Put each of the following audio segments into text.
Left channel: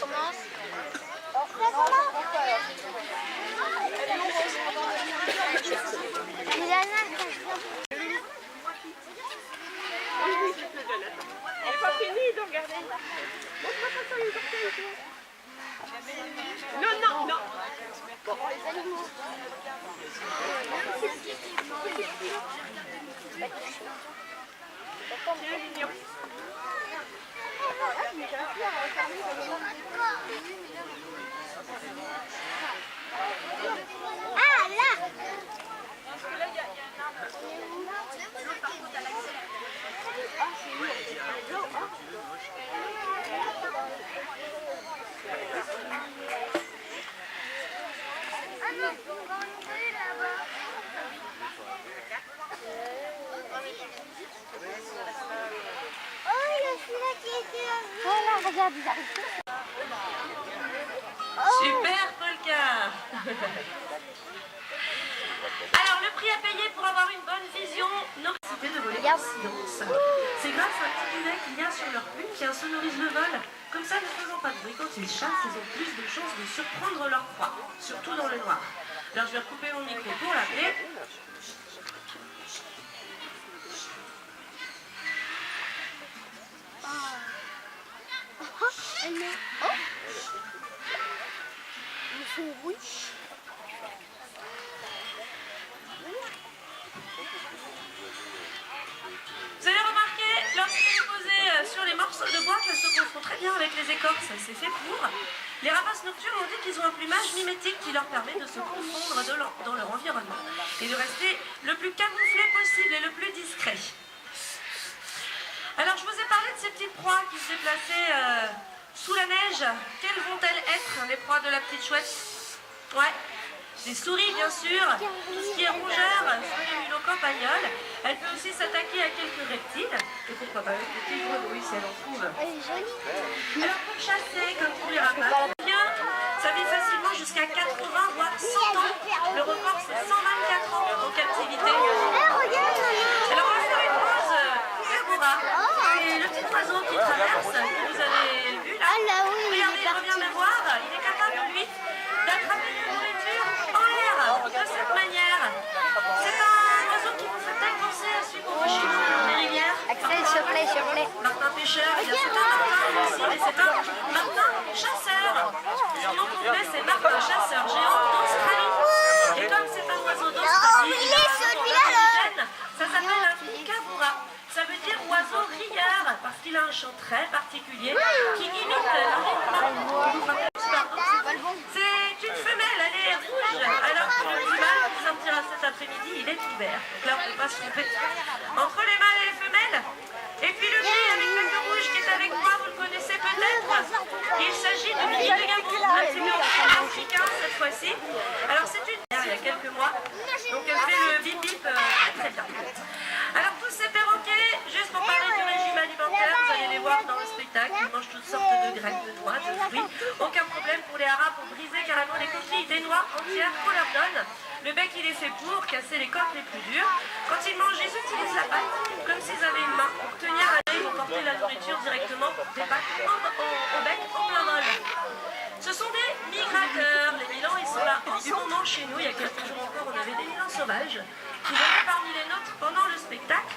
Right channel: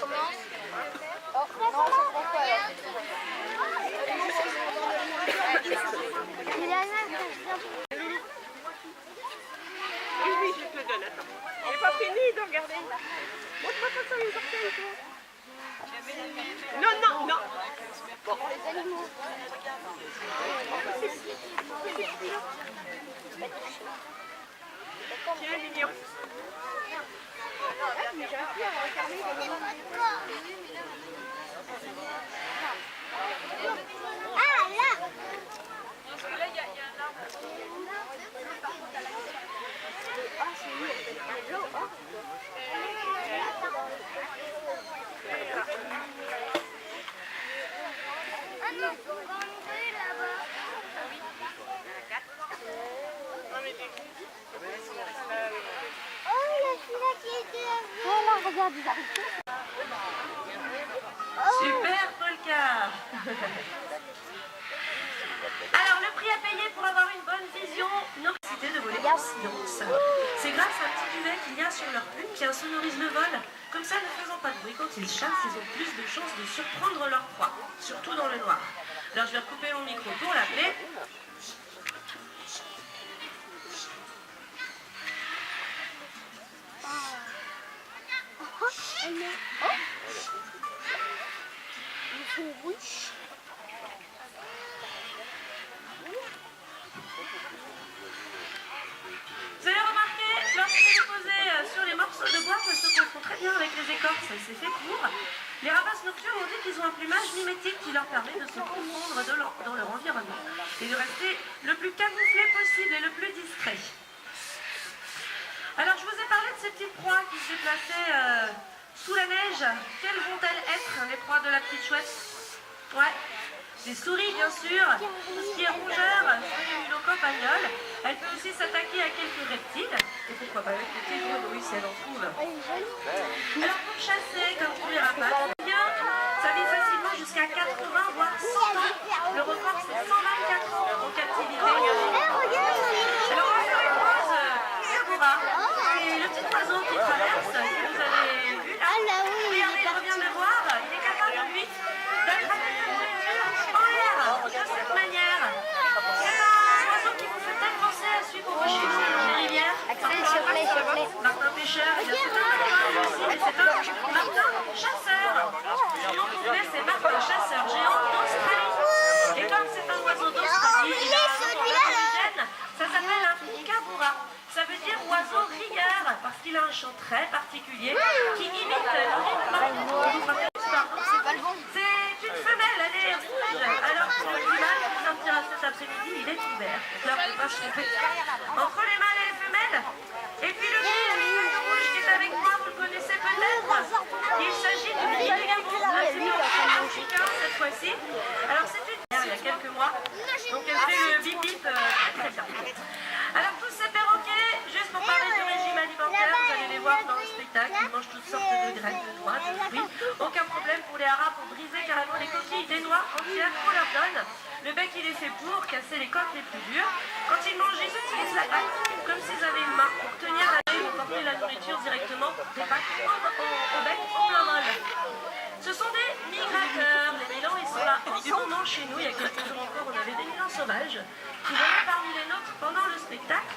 commence. C'est la nage qui vient. Oui, je te le donne, attends. Elle n'est pas finie de regarder. Montre-moi ça sur les orteils, toi. Non, non, non. Bon, les animaux. Tiens, Lignon. Ah, là. Regarde, ils arrivent tous. Super polka. Alors le prix à payer pour avoir une bonne vision, l'opacité de voler en silence. C'est grâce à un petit duvet qu'il y a sur leur plume qui insonorise le vol. Comme ça, ne faisant pas de bruit quand ils chassent, ils ont plus de chances de surprendre leur proie, surtout dans le noir. Alors je vais couper mon micro pour l'appeler. Vous avez remarqué, lorsqu'elle est posée sur les morceaux de bois, qu'elle se confond très bien avec les écorces, elle s'est fait pour. Les rapaces nocturnes ont dit qu'ils ont un plumage mimétique qui leur permet de se confondre dans leur environnement et de rester le plus camouflé possible et le plus discret. Alors je vous ai parlé de ces petites proies qui se déplaçaient sous la neige. Quelles vont-elles être, les proies de la petite chouette? Ouais, des souris bien sûr, tout ce qui est rongeur, une locopagnole. Elle peut aussi s'attaquer à quelques reptiles, et pourquoi pas avec des petites grenouilles si elle en trouve. Alors pour chasser, comme tous les rapaces, ça vit facilement jusqu'à 80 voire 100 ans. Le record c'est 124 ans en captivité. Alors on se repose Gabora, c'est le petit oiseau qui traverse, que vous avez vu là. Regardez, il revient me voir, il est capable lui d'attraper de la nourriture en l'air, de cette manière. C'est un oiseau qui vous fait peut-être penser à celui qu'on voit chez nous le long des rivières. Martin pêcheur, il y a tout un Martin aussi, mais c'est un Martin chasseur. Son nom complet c'est Martin chasseur géant d'Australie. Et comme c'est un oiseau d'Australie, il a un nom indigène, ça s'appelle un kookaburra. Ça veut dire oiseau rieur, parce qu'il a un chant très particulier qui imite le rythme. C'est une femelle, elle est rouge, alors que le mâle qui sortira cet après-midi, il est ouvert. Donc là, on ne peut pas se tromper entre les mâles et les femelles. Et puis le petit rouge qui est avec moi, vous le connaissez peut-être. Il s'agit de Big Gabon, c'est en africain cette fois-ci. Alors c'est une mère il y a quelques mois, donc elle fait le bip bip très bien. Alors tous ces perroquets, juste pour parler du régime alimentaire, vous allez les voir dans le spectacle, ils mangent toutes sortes de graines, de noix, de fruits. Aucun problème pour les haras pour briser carrément les coquilles des noix entières qu'on leur donne. Le bec il est fait pour casser les coques les plus dures. Quand ils mangent, ils utilisent la patte comme s'ils avaient une main pour tenir à l'œil ou porter la nourriture directement des pattes au bec au plein vol. Ce sont des migrateurs. Les milans, ils sont là en ce moment chez nous. Il y a quelques jours encore, on avait des milans sauvages qui venaient parmi les nôtres pendant le spectacle.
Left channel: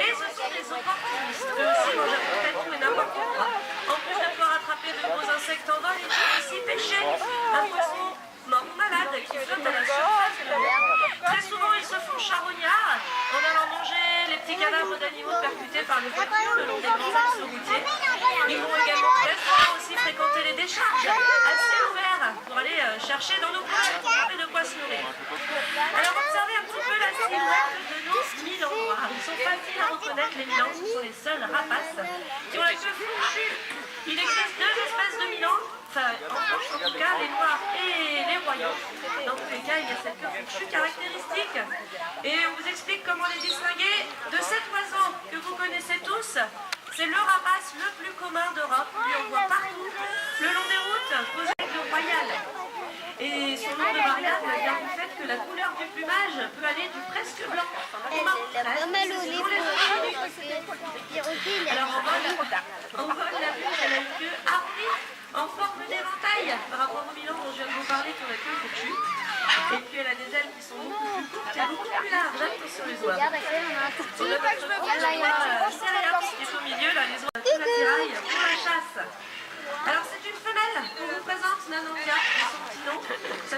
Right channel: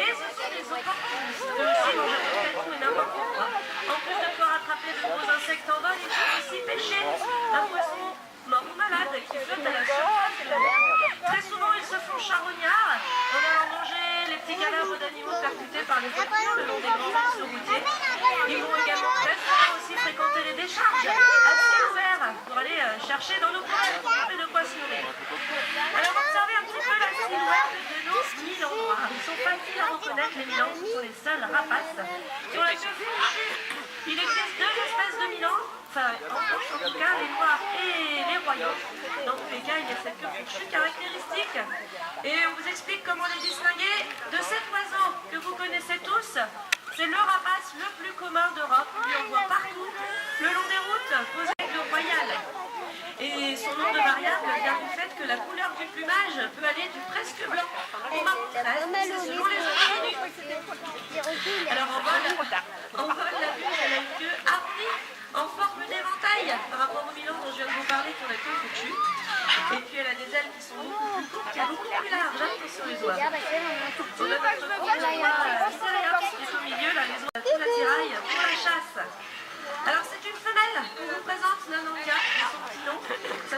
Et ce sont des opportunistes. Eux aussi mangent à peu près tout et n'importe quoi. En plus de pouvoir attraper de gros insectes en vol, ils peuvent aussi pêcher un poisson mort ou malade qui flotte à la surface de la mer. Très souvent, ils se font charognards en allant manger les petits cadavres d'animaux percutés par les voitures le long des grands axes routiers. Ils vont également très souvent aussi fréquenter les décharges à ciel ouvert pour aller chercher dans nos poissons et de quoi se nourrir. Alors observez un petit peu la silhouette de nos milans noirs. Ils sont faciles à reconnaître, les milans, ce sont les seuls rapaces. Sur la queue fourchue, il existe deux espèces de milans, enfin, en tout cas les noirs et les royaux. Dans tous les cas, il y a cette queue fourchue caractéristique. Et on vous explique comment les distinguer de cet oiseau que vous connaissez tous. C'est le rapace le plus commun d'Europe. Lui, on voit partout, le long des routes, posé avec le royal. Et son nom de variable vient du fait que la couleur du plumage peut aller du presque blanc au marron clair. C'est selon les origines. Alors en vol, la vue, elle a une queue harpie en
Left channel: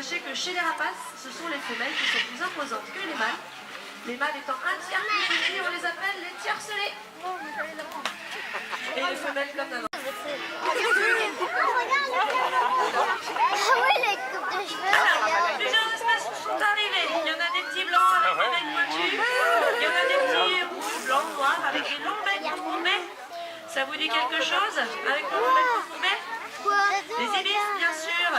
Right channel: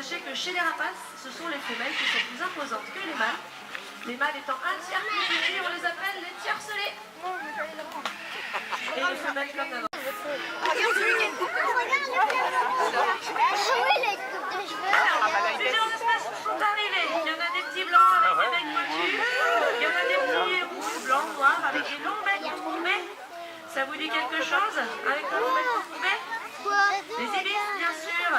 sachez que chez les rapaces, ce sont les femelles qui sont plus imposantes que les mâles. Les mâles étant un tiers plus petits, on les appelle les tiercelets. Et les femelles comme d'avant. Ah oui, les coupes de cheveux. Plusieurs espèces sont arrivées. Il y en a des petits blancs avec des becs pointus. Il y en a des petits rouges, blancs, noirs avec des longs becs courbés. Ça vous dit quelque chose avec des longs becs courbés? Les ibis, bien sûr.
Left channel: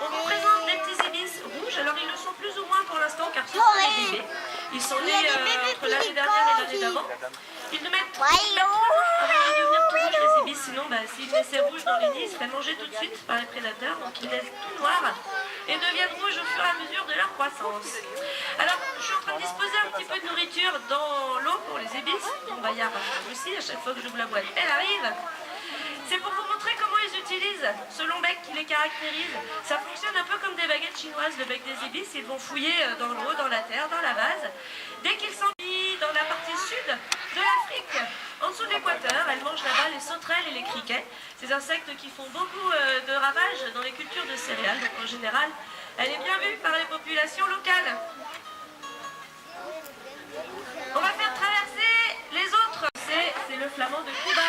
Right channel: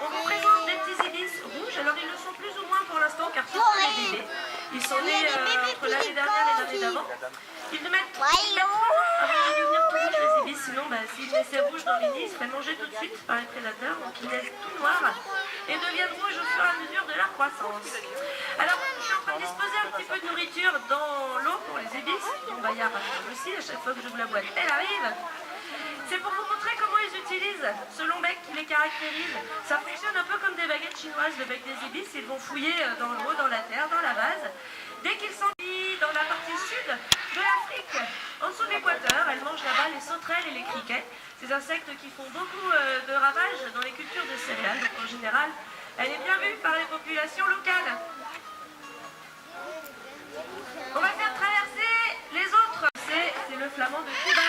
On vous présente des petits ibis rouges. Alors ils le sont plus ou moins pour l'instant car ce sont des bébés. Ils sont nés entre l'année dernière et l'année d'avant. Ils ne mettent pas avant de devenir tout rouges les ibis. Sinon, s'ils laissaient rouge dans les nids, ils seraient mangés tout de suite par les prédateurs. Donc ils naissent tout noirs et deviennent rouges au fur et à mesure de leur croissance. Alors, je suis en train de disposer un petit peu de nourriture dans l'eau pour les ibis. On va y arriver aussi. À chaque fois que j'ouvre la boîte, elle arrive. C'est pour vous montrer comment ils utilisent ce long bec qui les caractérise. Ça fonctionne un peu comme des baguettes chinoises, le bec des ibis. Ils vont fouiller dans l'eau, dans la terre, dans la base. Dès qu'ils sont dans la partie sud de l'Afrique, en dessous de l'équateur, elles mangent là-bas les sauterelles et les criquets. Ces insectes qui font beaucoup de ravages dans les cultures de céréales. Donc en général, elle est bien vue par les populations locales. On va faire traverser les autres. C'est le flamand de Cuba.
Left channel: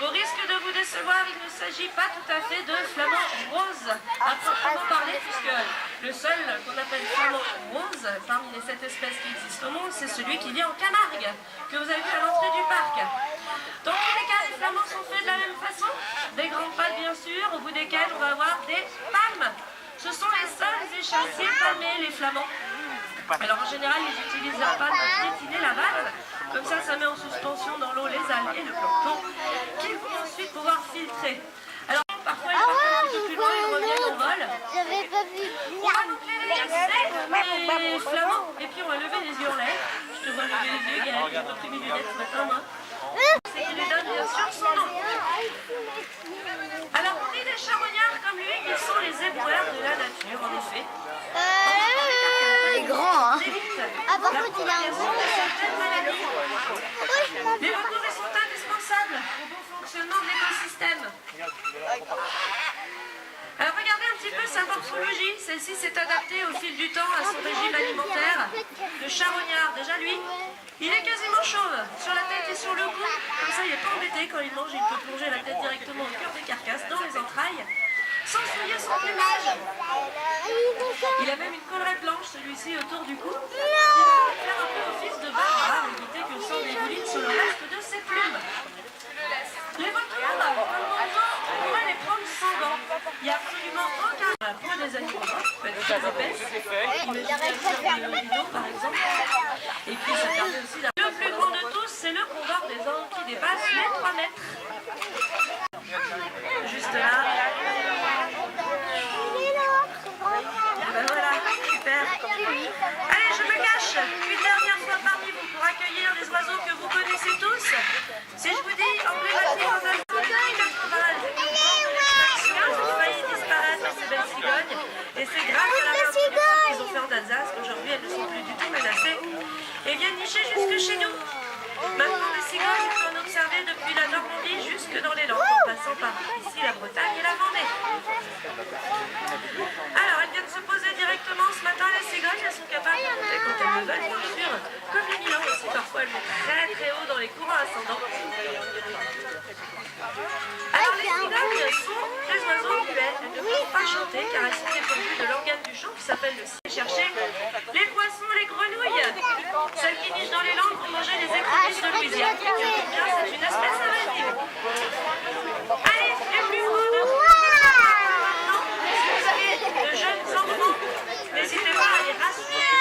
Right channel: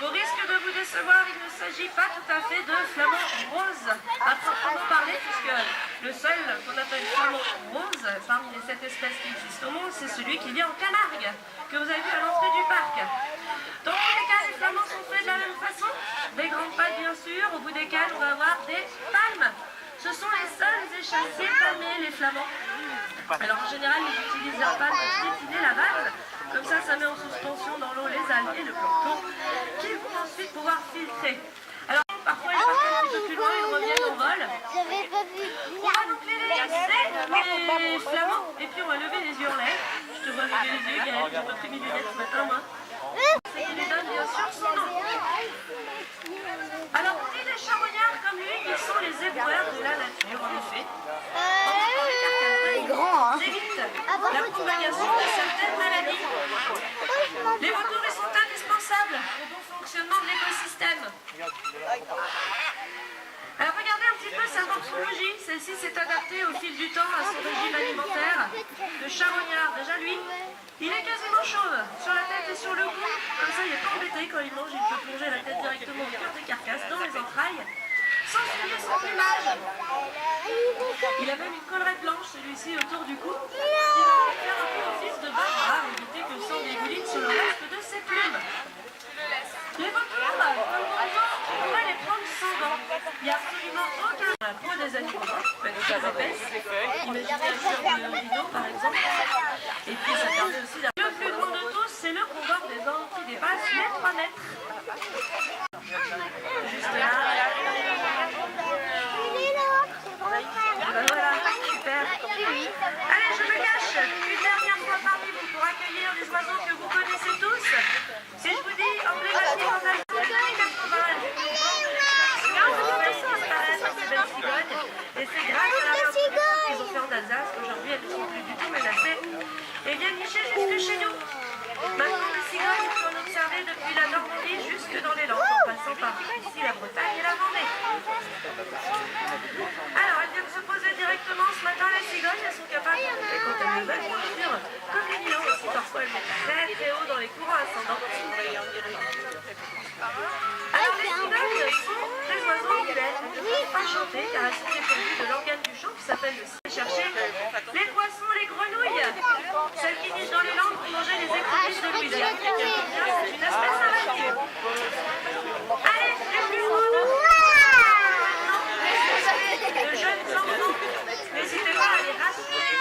Au risque de vous décevoir, il ne s'agit pas tout à fait de flamand rose à proprement parler, puisque le seul qu'on appelle flamand rose parmi les 7 espèces qui existent au monde, c'est celui qui vit en Camargue, que vous avez vu à l'entrée du parc. Dans tous les cas, les flamands sont faits de la même façon, des grandes pattes bien sûr, au bout desquelles on va avoir des palmes. Ce sont les seuls échassiers palmés, les flamands. Alors en général, ils utilisent la palme pour piétiner la base. Comme ça met en suspension dans l'eau les algues et le plancton qu'ils vont ensuite pouvoir filtrer. Alors parfois ils partent un peu plus loin, ils reviennent en vol. J'avais pas vu. On va donc les laisser, les flamands, et puis on va lever les yeux en l'air. Je te vois lever les yeux, Gaëlle, j'ai pas pris mes lunettes ce matin, moi. Et il les donne bien sûr son nom. Alors on dit des charognards comme lui, qui sont les éboueurs de la nature, en effet. C'est grand, hein. D'évite la propagation de certaines maladies. Les recours sont indispensables au bon fonctionnement de l'écosystème. Alors regardez un petit peu sa morphologie. Celle-ci s'est adaptée au fil du temps à son régime alimentaire. Le charognard, déjà lui, il est quasiment chauve sur la tête et sur le cou. Comme ça, il n'est pas embêté quand il mange, il peut plonger la tête directement au cœur des carcasses, dans les entrailles, sans souiller son plumage. Il a même une collerette blanche, celui-ci, autour du cou, qui va faire un peu office de barre, éviter que le sang dégouline sur le reste de ses plumes. Les vautours, comme longtemps, on pourrait les prendre sans gants. Il n'y a absolument aucun dans la peau des animaux morts, peut être très épaisse. Imaginez un cœur de rhino, par exemple. Et puis, ça permet aussi d'avoir... Le plus grand de tous, c'est le condor des Andes qui dépasse les 3 mètres. Juste là. Ben voilà, super. Allez, je me cache une dernière fois parmi vous pour accueillir des oiseaux que vous connaissez tous. Si je vous dis emblématique en Algérie, 80, et c'est grâce à la reproduction qu'ils ont fait en Alsace qu'aujourd'hui elles ne sont plus du tout menacées et viennent nicher jusque chez nous. Maintenant les cigognes, on peut en observer depuis la Normandie jusque dans les Landes, en passant par ici la Bretagne et la Vendée. Alors elles viennent se poser directement ce matin, les cigognes, elles sont capables de monter quand elles le veulent, bien sûr, comme les lions aussi, parfois elles montent très très haut dans les courants ascendants. Alors les cigognes sont des oiseaux vivants, elles ne peuvent pas chanter car elles sont dépourvues de l'organe du chant qui s'appelle le signe. Chercher les poissons, les grenouilles, celles qui vivent dans les Landes pour manger les écrevisses de Louisiane. C'est une espèce arrêtée. Allez, les plus grands de vous. Si vous avez de jeunes enfants, n'hésitez pas à les rassurer.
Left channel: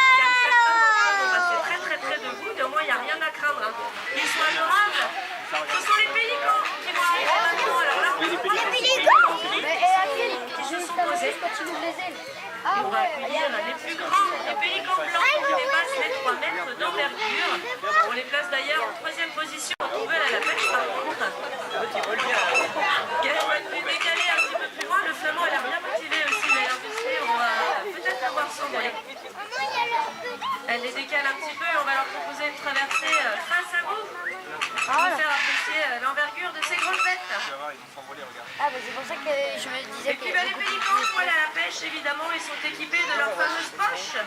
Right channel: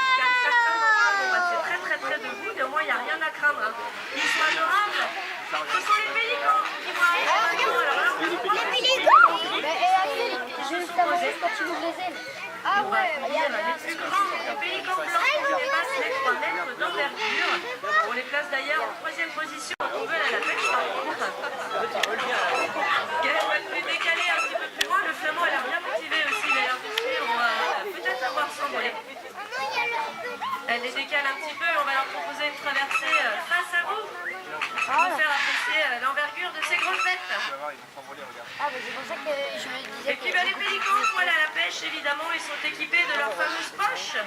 On va passer très très près de vous, mais au moins il n'y a rien à craindre. Ils sont adorables. Ce sont les pélicans qui vont arriver maintenant. Alors là, Les pélicans. Mais juste avant, quand tu ouvres les ailes. on va accueillir les plus grands, les pélicans blancs qui dépassent les 3 mètres d'envergure. On les place d'ailleurs en 3e position en nouvelle à la pêche par contre. Gaëlle va nous les décaler un petit peu plus loin. Le flamand a l'air bien motivé aussi d'ailleurs de suivre. On va peut-être la voir s'envoler. Elle les décale un petit peu et on va leur proposer une traversée face à vous pour vous faire apprécier l'envergure de ces grosses bêtes. Ah, bah c'est pour ça que je me disais. Et puis les pélicans, voilà la pêche. pêche, évidemment, ils sont équipés de leur fameuse poche.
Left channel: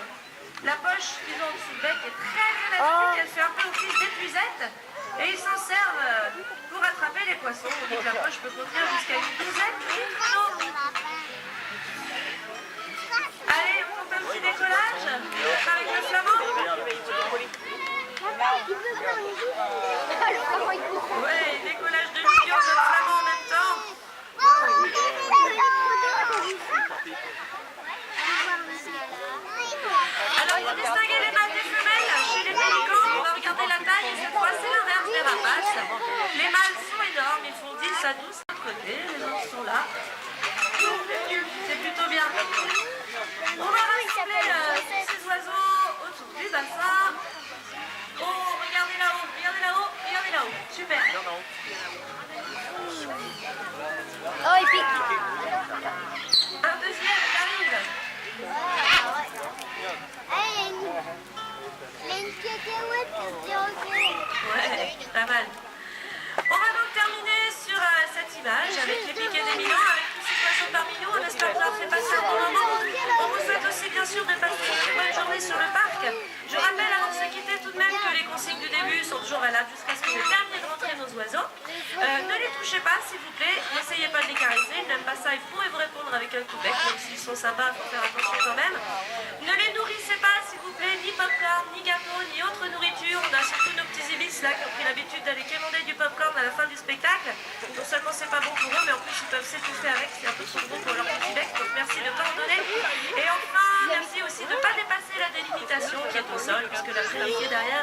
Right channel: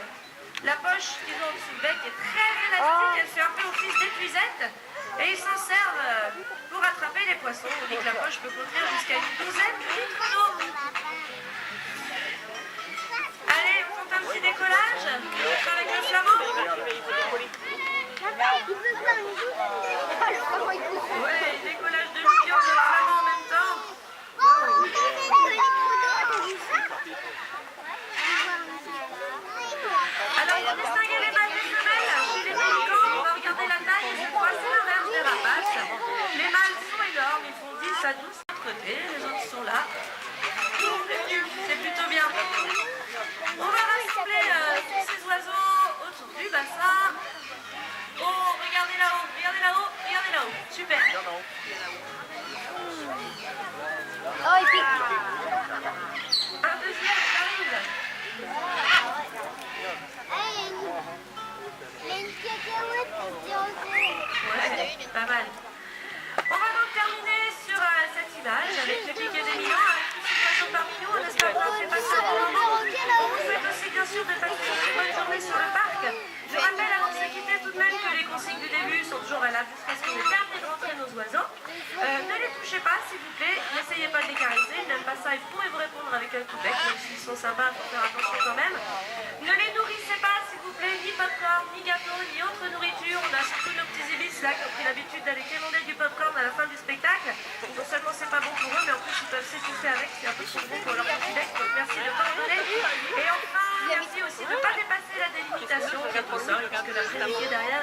La poche qu'ils ont sous le bec est très élastique, elle fait un peu office d'épuisette. Et ils s'en servent pour attraper les poissons. On dit que la poche peut contenir jusqu'à une douzaine de litres d'eau. Allez, on fait un petit décollage avec le flamand. Ouais, décollage de licorne de flamand en même temps. Alors pour distinguer les mâles des femelles, chez les pélicans, on va regarder la taille et cette fois c'est l'inverse des rapaces. Les mâles sont énormes, ils font 10 à 12 de côté, les autres sont là. C'est plutôt bien. On va rassembler tous ces oiseaux autour du bassin. Oh, regardez là-haut, regardez là-haut, regardez là-haut. Super. Oh, il pique. Un deuxième arrive. Ouais, pas mal. On va donc terminer sur cette image avec les piquets d'éminents, avec tous ces oiseaux parmi nous. On espère que vous avez passé un bon moment. On vous souhaite aussi bien sûr de passer une très bonne journée sur le parc. Je rappelle avant de se quitter tout de même que les consignes du début sont toujours valables jusqu'à ce qu'on ait terminé de rentrer nos oiseaux. Ne les touchez pas s'il vous plaît, n'essayez pas de les caresser, ils n'aiment pas ça, ils pourraient vous répondre avec un coup de bec, même s'ils sont sympas, il faut faire attention quand même. Ne les nourrissez pas s'il vous plaît, ni popcorn, ni gâteau, ni autre nourriture. On a surtout nos petits ibis là qui ont pris l'habitude d'aller quémander du popcorn à la fin du spectacle. Non seulement c'est pas bon pour eux, mais en plus ils peuvent s'étouffer avec, c'est un peu trop bon pour leur petit bec, donc merci de ne pas en donner. Et enfin, merci aussi de ne pas dépasser la délimitation qui est au sol, parce que la priorité derrière